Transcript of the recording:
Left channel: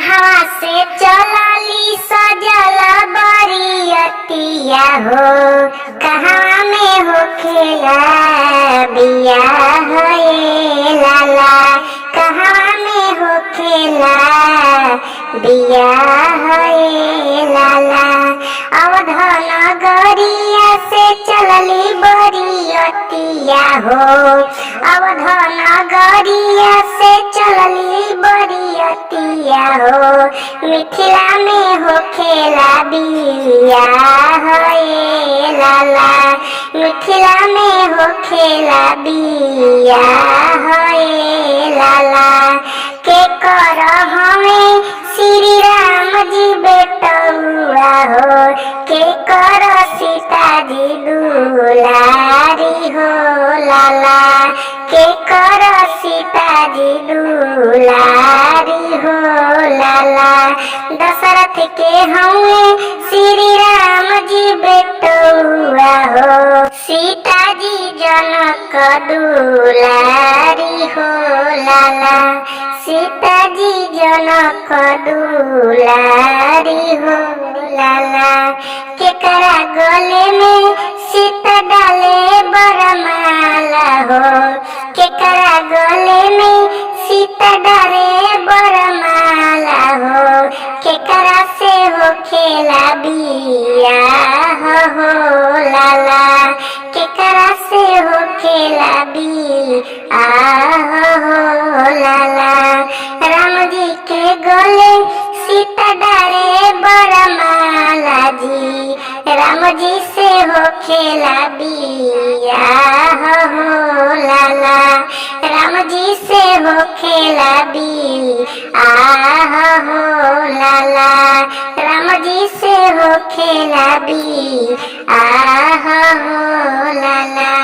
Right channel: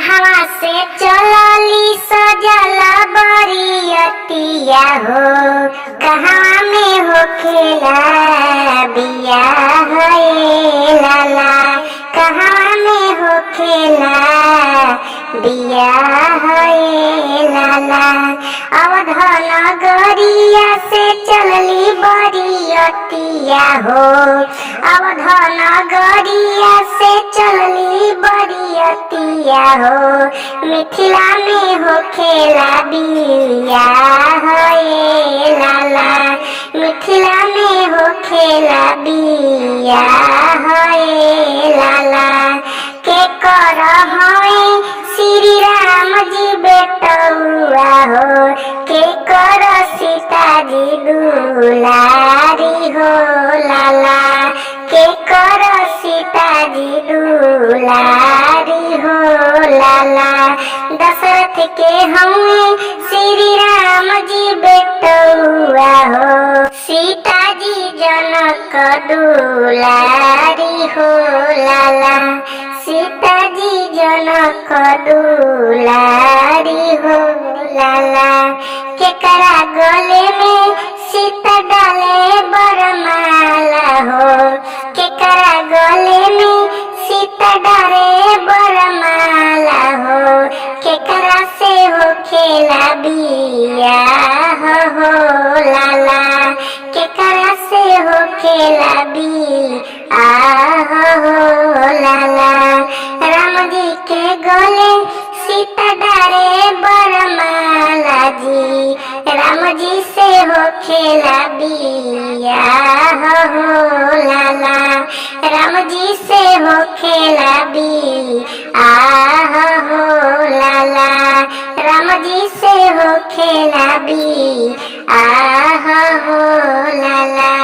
कहवा से चलली सजला बरियतिया हो, कहवा में होखेला बियाह ए लाला, कहवा में होखेला बियाह ए लाला। अवध नगरिया से चलली बरियतिया हो, अवध नगरिया से चलली बरियतिया हो, मिथिला में होखेला बियाह ए लाला, मिथिला में होखेला बियाह ए लाला। के कर हमें श्री राम जी बेटौआ हो, के कर सीता जी दुलारी हो लाला, के कर सीता जी दुलारी हो लाला। दशरथ के हमें श्री राम जी बेटौआ हो, सीता जी जनक दुलारी हो लाला, सीता जी जनक दुलारी हो लाला। केकरा गले में सीता डाले बरमाला हो, केकरा गले में सीता डाले बरमाला हो, केकरा से होखेला बियाह हो लाला, केकरा से होखेला बियाह हो लाला। राम जी के गले सीता डारे बरमाला जी, राम जी से होखेला बियाह हो लाला, राम जी से होखेला बियाह हो लाला, राम जी से होखेला बियाह हो